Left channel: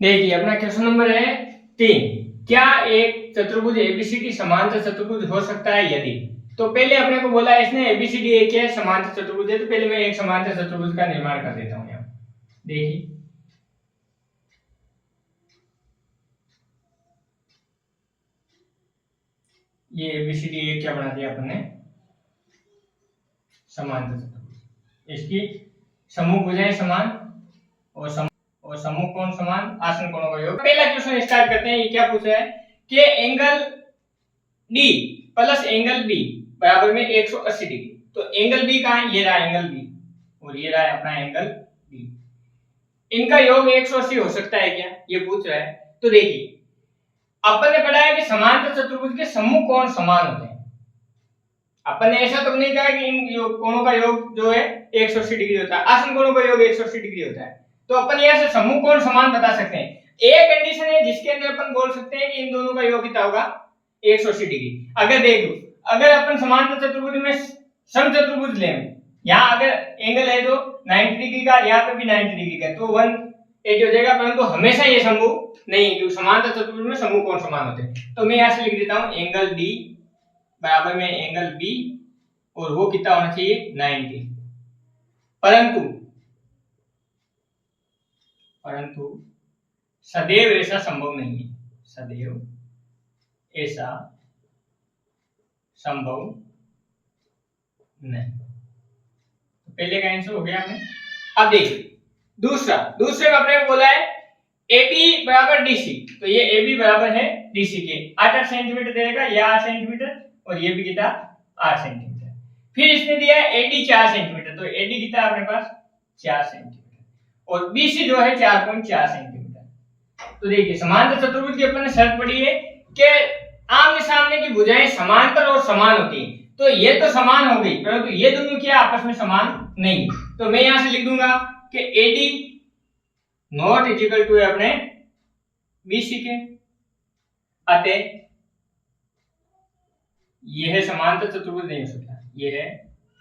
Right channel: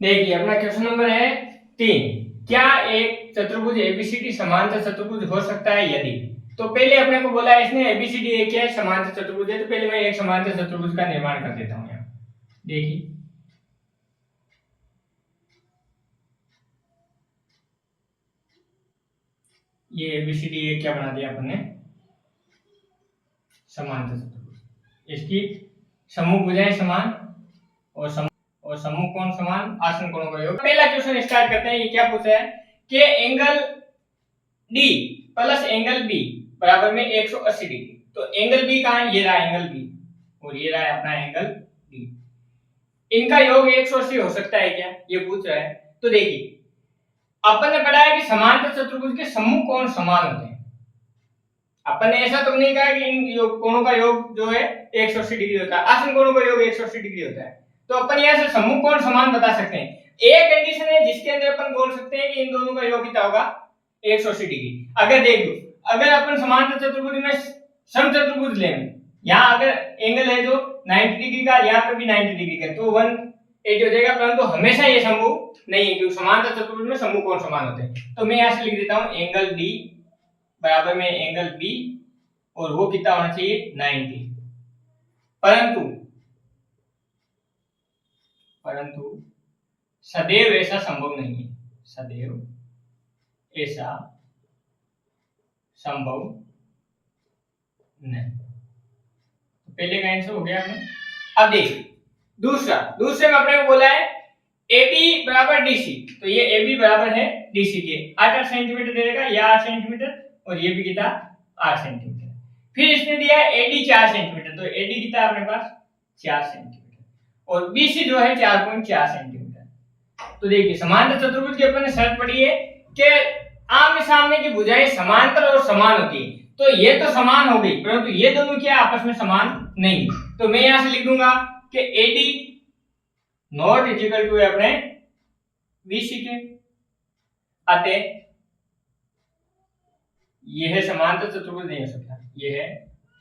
देखिए अपना question number है 3, क्या एक चतुर्भुज एबीसीडी समांतर चतुर्भुज हो सकता है यदि। तो पहले अपने को बोला है इसने एबीसीडी एक है समांतर चतुर्भुज है, तो पहले मैं एक समांतर चतुर्भुज का निर्माण कर देता हूं। यहाँ देखिए ये एबीसीडी एक क्या बना दिया अपन ने, समांतर चतुर्भुज। इसकी सम्मुख भुजाएं समान और सम्मुख कोण समान, आसन कोणों का योग। पहला क्वेश्चन स्टार्ट करते हैं। ये क्या पूछा है कि angle D plus angle B बराबर में 180 डिग्री। तो एंगल बी कहां है, ये रहा एंगल बी और ये रहा अपना एंगल डी। इनका योग 180 हो सकता है क्या, ये पूछ रहा है। तो देखिए अपन ने पढ़ा है कि समांतर चतुर्भुज के सम्मुख कोण समान होते हैं। अपन ने ऐसा तो नहीं कहा कि इन कोणों का योग जो है 180 डिग्री होता है, आसन कोणों का योग 180 डिग्री होता है। तो अपन यहां से सम्मुख कोण समान बता सकते हैं। एक कंडीशन है जिसके अंदर अपन बोल सकते हैं कि इन दोनों का योग कितना होगा, 180 डिग्री। अगर देख लो, अगर अपन समांतर चतुर्भुज में समचतुर्भुज लें, यहाँ अगर एंगल है जो 90 डिग्री का, यहाँ पे भी 90 डिग्री का, तो 180 हो जाएगा। परंतु हमेशा ये संभव नहीं है क्योंकि समांतर चतुर्भुज में सम्मुख कोण समान होते हैं। तो मैं यहाँ से लिख देता हूँ एंगल डी बराबर में एंगल बी और वो कितना होना चाहिए 90। परंतु सदैव ऐसा संभव नहीं है, सदैव ऐसा संभव नहीं। तो पहले का आंसर हो गया हमने। अब देखिए दूसरे में अपने बोला है AB बराबर DC। तो ये AB बराबर है DC के 8 सेंटीमीटर देगा, या 8 सेंटीमीटर, और ये भी कितना 8 सेंटीमीटर। फिर इसने दिया है AD 4 सेंटीमीटर। तो AD कितना अपने पास 4 सेंटीमीटर और BC जो है 4.4 सेंटीमीटर। तो देखिए समांतर चतुर्भुज की अपन ने शर्त पढ़ी है कि आमने सामने की भुजाएं समांतर और समान होती है। तो ये तो समान हो गई, परंतु ये दोनों क्या आपस में समान नहीं। तो मैं यहां से लिख दूंगा कि AD not is equal to अपने BC के। अतः यह है समांतर चतुर्भुज नहीं हो सकता, यह है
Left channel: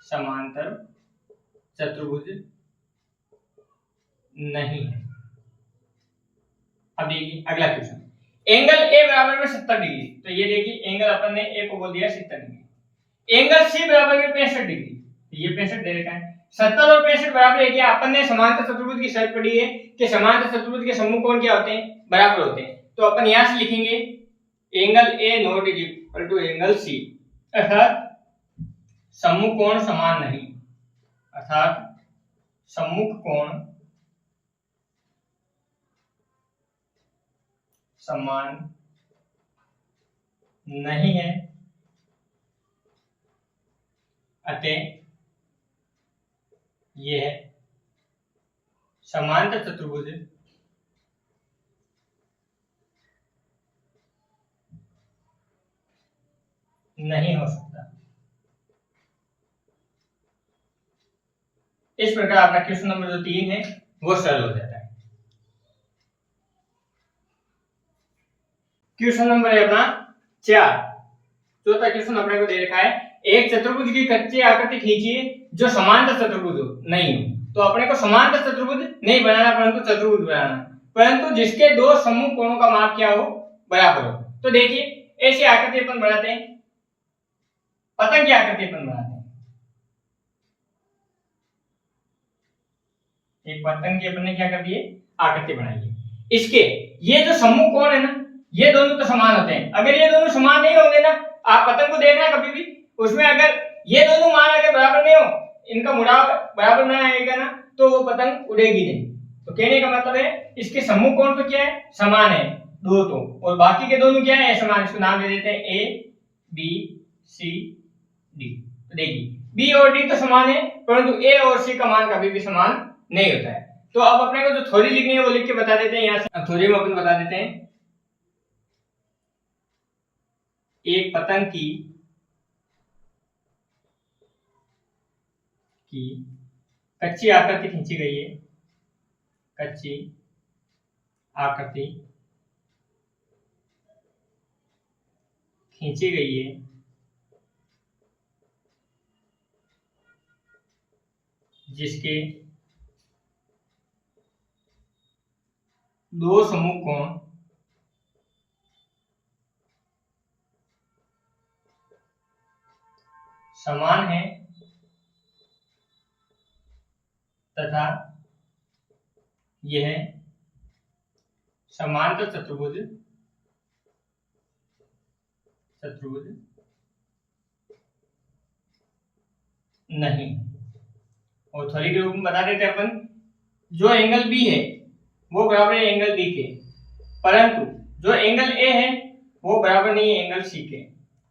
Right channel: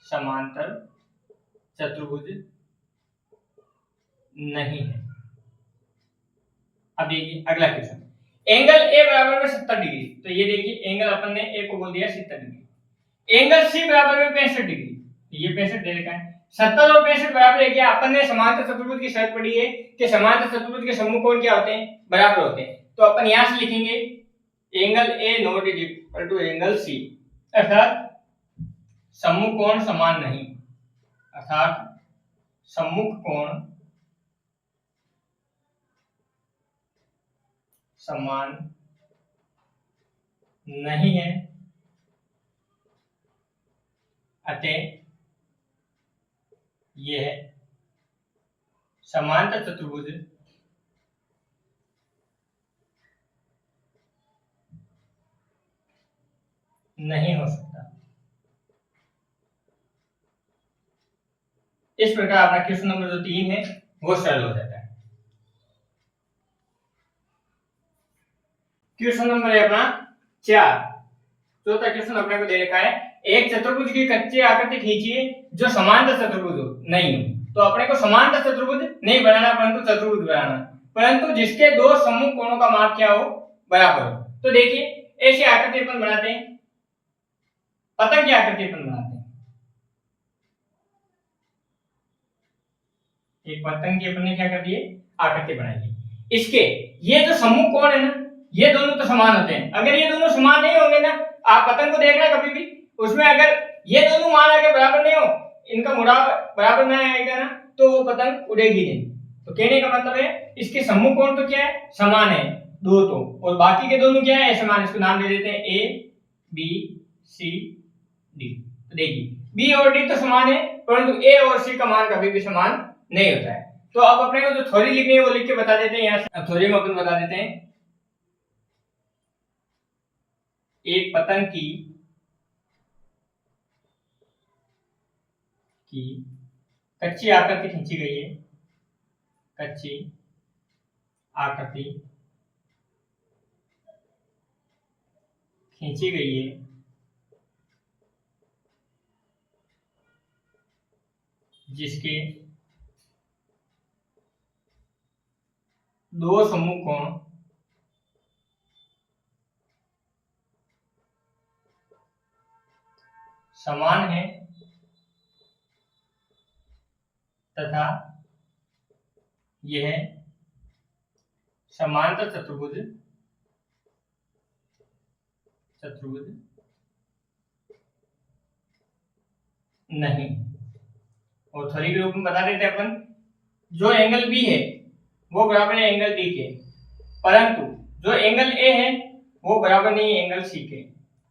समांतर चतुर्भुज नहीं है। अब देखिए अगला क्वेश्चन, एंगल ए बराबर में 70 डिग्री। तो ये देखिए एंगल अपन ने ए को बोल दिया 70 डिग्री। एंगल सी बराबर में 65 डिग्री। तो ये 65 दे रखा है। 70 और 65 बराबर है क्या, अपन ने समांतर चतुर्भुज की शर्त पढ़ी है कि समांतर चतुर्भुज के सम्मुख कोण क्या होते हैं, बराबर होते हैं। तो अपन यहां से लिखेंगे angle A not is equal to angle C, अर्थात सम्मुख कोण समान नहीं, अर्थात सम्मुख कोण समान नहीं है। अतः यह समांतर चतुर्भुज नहीं हो सकता। इस प्रकार अपना क्वेश्चन नंबर जो 3 है वो सरल हो जाता है। क्वेश्चन नंबर है अपना 4। चौथा क्वेश्चन अपने को दे रखा है, एक चतुर्भुज की कच्चे आकृति खींचिए जो समांतर चतुर्भुज हो नहीं हो। तो अपने को समांतर चतुर्भुज नहीं बनाना, परंतु चतुर्भुज बनाना, परंतु जिसके दो सम्मुख कोणों का माप क्या हो, बराबर हो। तो देखिए ऐसी आकृति अपन बनाते हैं, पतंग की आकृति अपन बनाते हैं। एक पतंग की अपन ने क्या कर दी है, आकृति बनाई है। इसके ये जो सम्मुख कोण है ना, ये दोनों तो समान होते हैं। अगर ये दोनों समान नहीं होंगे ना, आप पतंग को देखना कभी भी, उसमें अगर ये दोनों मान अगर बराबर नहीं हो, इनका मुड़ाव बराबर ना आएगा ना, तो वो पतंग उड़ेगी नहीं। तो कहने का मतलब है इसके सम्मुख कोण तो क्या है, समान है दो तो, और बाकी के दोनों क्या है, असमान। इसको नाम दे देते हैं ए बी सी डी। तो देखिए बी और डी तो समान है, परंतु ए और सी का मान कभी भी समान नहीं होता है। तो अब अपने को जो थ्योरी लिखनी है वो लिख के बता देते हैं। यहाँ से थ्योरी में अपन बता देते हैं, एक पतंग की कच्ची आकृति खींची गई है, कच्ची आकृति खींची गई है जिसके दो समूह कोण समान है तथा यह समांतर चतुर्भुज नहीं। ऑर्थोगोनल के रूप में बता देते अपन, जो एंगल बी है वो बराबर है एंगल डी के, परंतु जो एंगल ए है वो बराबर नहीं है एंगल सी के,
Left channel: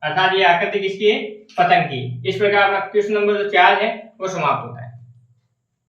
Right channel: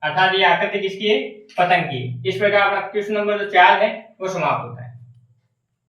अर्थात ये आकृति किसकी है, पतंग की। इस प्रकार अपना क्वेश्चन नंबर जो 4 है वो समाप्त होता है।